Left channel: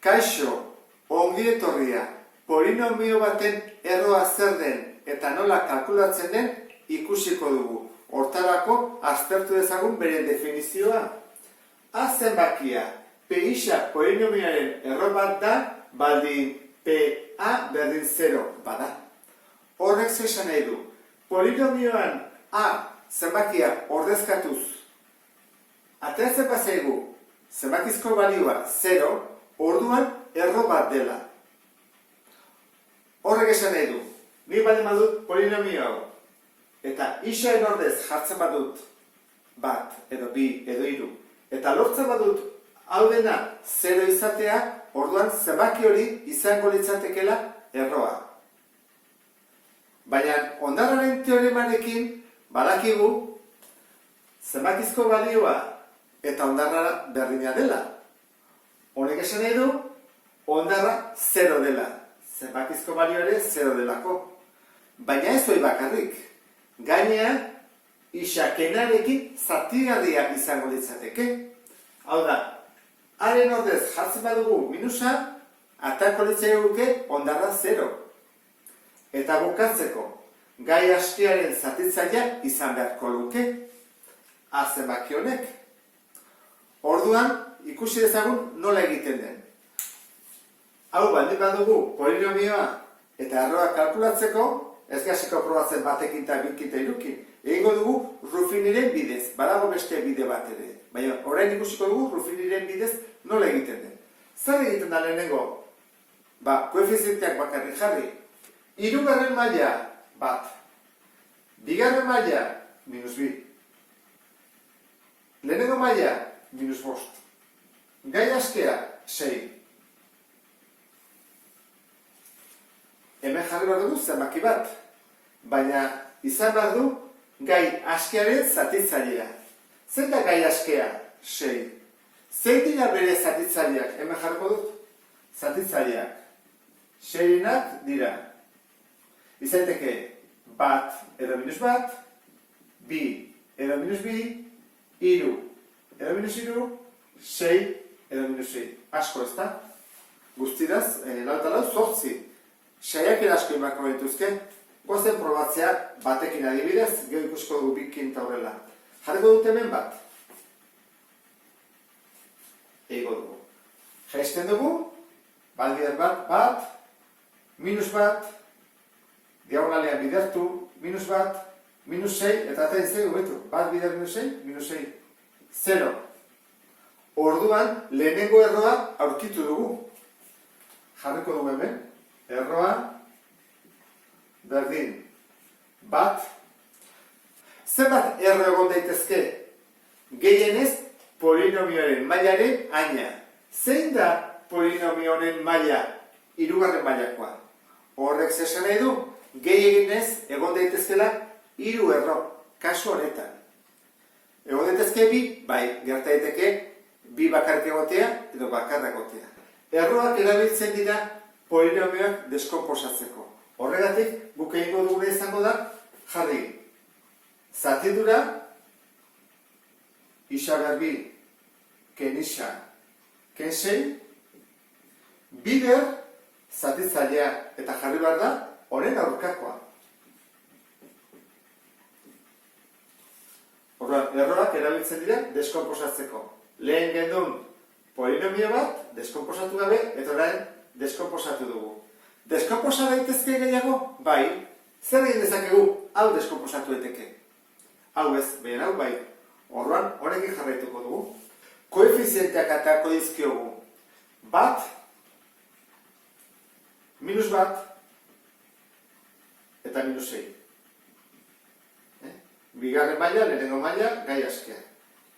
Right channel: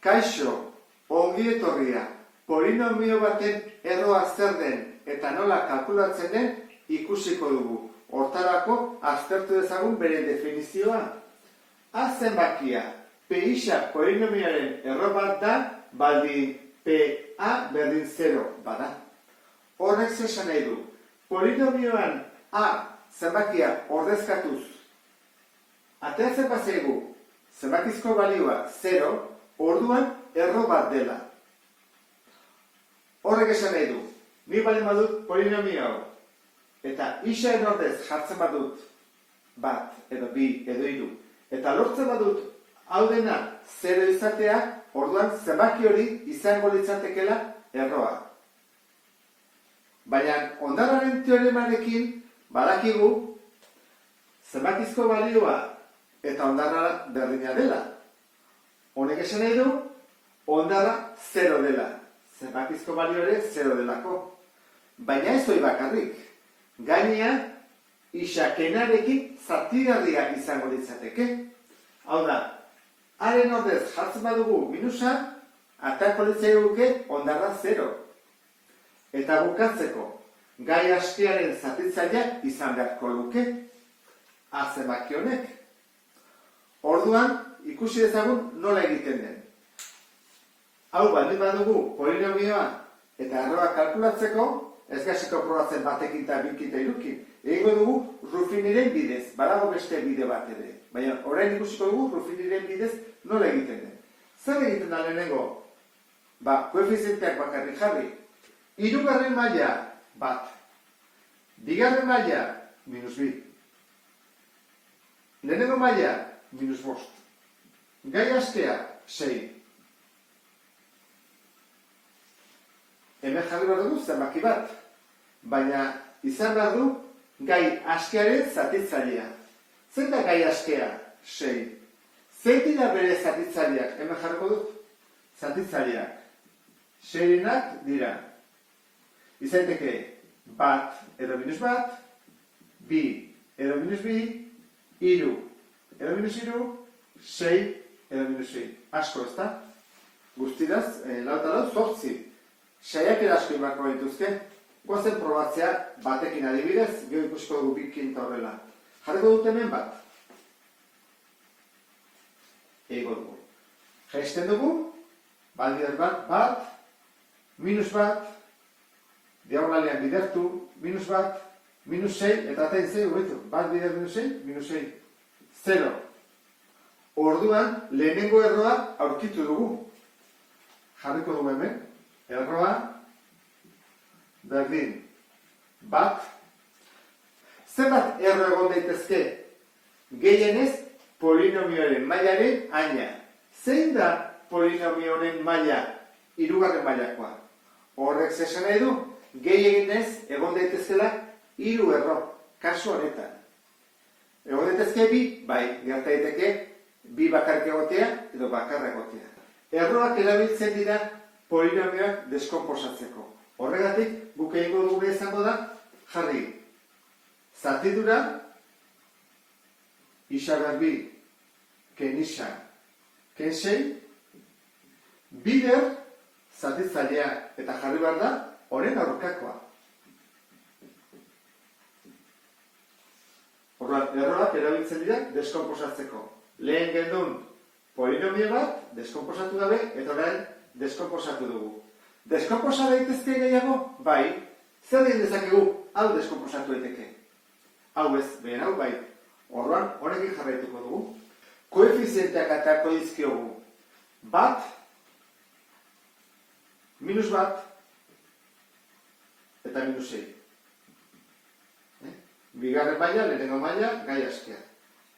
Kaixo, ongi etorria, polinomio baten erroa zer den eta nola kalkulatzen den ikusiko dugu. Hortarako aztertu dezagun bere definizioa. A zenbakia, PX polinomioaren erro bat da, baldin PA berdin 0 bada. Horrek zesan nahi du, polinomioan A zenbakia ordezkatuz, ateratzen bazaigu zenbakizko balioa 0, orduan erro bat dela. Horrek esan nahi du, ni baldin badut polinomio hau, eta isaren ordez jartzen badut bat, edo bi, edo hiru, eta lortzen badut hau dena 0 izatea, orduan zenbaki hori izango litzatekeela erroa. Baina ondarraren teoremarekin badakigu zenbakizko balioa eta ondarra berdina dela. Honek esan nahi du, ondarra 0 dela. Zenbakizko balio ere 0 delako. Baina ez hori bakarrik. Gainea, isakenarekin zatigarria izango litzateke. Hau da, haren ordez jartzen badugu minusa, atako litzaiguke ondarra 0. Eta bukatzeko, gai askiaren zatitzailea izan beharko luke, A zenbaki honek. Orduan, ikusi dezagun nola egiten den. Hau baldin badugu polinomioa eta erroa kalkulatzeko, ez gasiko probatzen batekin eta bikin eta irukin. Egingo dugu Ruffiniren bidez, badago beste bide bat ere. Baina orain ikusiko dugu Ruffiniren bidez nola egiten den. Zer egiten da lehenengo? Koefizienteak bakarrik jarri. Hirugarren maila bat. Bigarren maila -2. Lehenengo maila -5. Gai askea 6. Hemen jarri behar dugu zenbaki bat, baina izan behar du gai askearen zatitzailea. Zein da gai askea? 6. Zein dira bere zatitzaileak? Hemen jarriko dut zatitzaileak. 6-enak dira. Izaiteke bat edo -1, bi edo -2, hiru edo -3, 6 edo -6. Asko ez da? Guztiraz, lau eta lau, 8. Saiak erasko imako behituzke, goazen probatzea batekin adibidez, gero ikusiko dugu bikin eta horrela. Jarriko dut hemen bat. Ego dugu. Jaisten dugu, bat bider bat, -1, diagonalean bidertu, -1, -6, eta atain zei, bat bider -6, -6, 0. Orduan, lehenengo erroa aurkitu dugu. Jarriko dugu hemen. Erroa, berdin, bat. Zenbat erro egon daitezke? Gehienez, polinomioaren mailaren aina. Zein da polinomioaren maila? Hirugarren mailakoa. Horrek zesan nahi du, gehienez egon daitezkela 3 erro, kasu honetan. Egon daitezke bi, bai, gerta daiteke bi bakarrik egotea edo bakarra egotea. Erroak erabiltzen dira polinomioak deskonposatzeko. Horregatik, guk egingo duguna izango da, jarri, zatidura, isa garbi, ken isa, ken 6, bider, zatitzailea, eta jarri behar da, horren aurkakoa. Horren, erroak erabiltzen dira deskonposatzeko. Lehen gendun polinomio bat, deskonposatu gabe, eta orain deskonposatu dugu. Deskonposa daitezke gehiago? Bai. Zer egin dezakegu? Hau deskonposatu daiteke. Hau ez, behen hau bai. Orduan, honekin jarraituko dugu. Koefizienteak aterako dizkiogu. Bat, -1, eta -6. Bigarren maila, lehenengo maila, gai askea.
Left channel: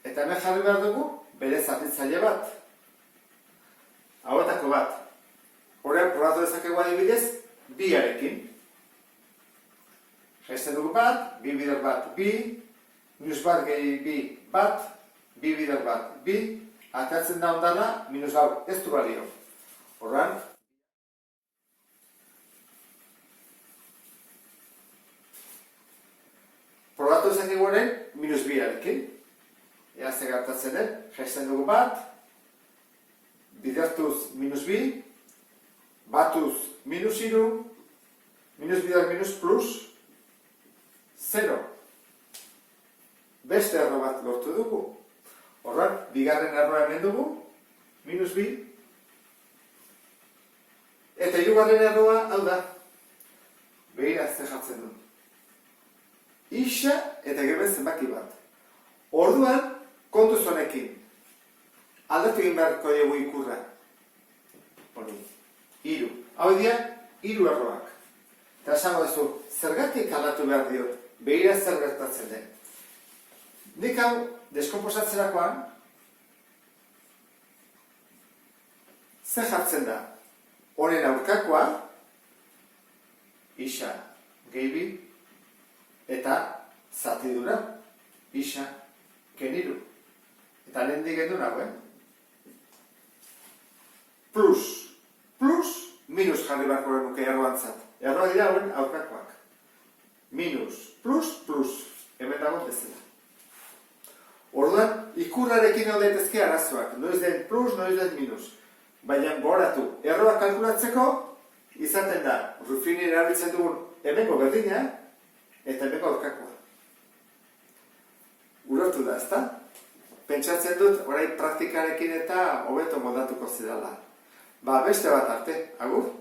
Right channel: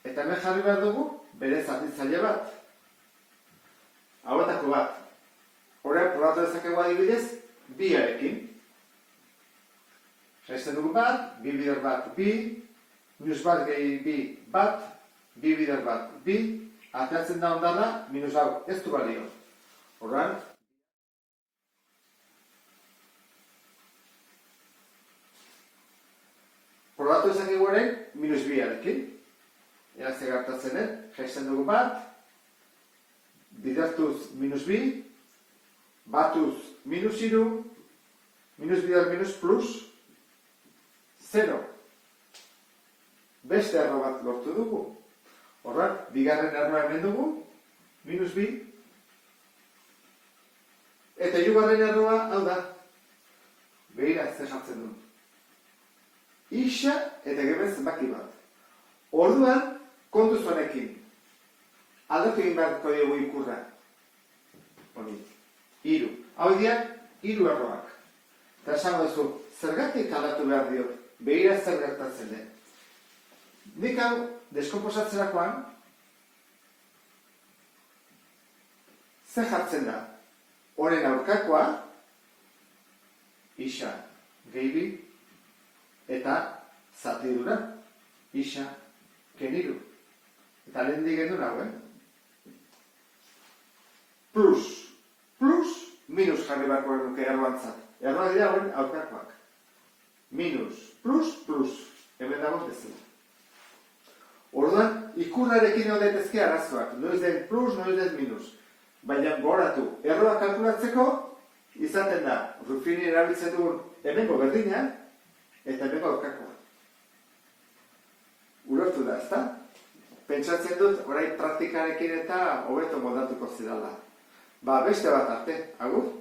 Eta hemen jarri behar dugu, bere zatitzaile bat. Hauetako bat. Horrean, probatu dezakegu adibidez, biarekin. Jaisten dugu bat, bi bider bat, bi, -1 gehi bi, bat, bi bider bat, bi, ateratzen da ondana, -1 ez du balio. Horrean, probatu dezakegu ere, -2arekin. Ea ze gertatzen den, jaisten dugu bat, bidertuz minus bi, batuz minus iru, minus bider minus plus, 0. Beste erro bat lortu dugu. Horren, bigarren erroa hemen dugu, minus bi. Eta hirugarren erroa, hau da, behira ze jartzen du. Ixa eta geben zenbaki bat. Orduan, kontuz honekin. Aldatu egin beharko dugu ikurra. Hori, hiru. Hau dira, hiru erroak. Eta esango duzu, zergatik aldatu behar diot, behira zer gertatzen den. Nik hau, deskomposatzerakoan, zer jartzen da? Honen aurkakoa, ixa gehi bi, eta zatidura, ixa keniru. Eta lehen digendu nagoen. Plus, minus jarri barko nuke erroantzat. Erroa dira hauen aurkakoak. Minus, plus, hemen dago bezala. Orduan, ikurrarekin hau daitezke arazoak. Noiz den plus, noiz den minus. Baina goratu, erroa kalkulatzeko, izaten da, Ruffini erabiltzen dugun hemengo berdina, eta hemengo aurkakoa. Ulertu da, ezta? Pentsatzen dut, orain praktikarekin eta hobeto modatuko zidala. Beste bat arte, agur?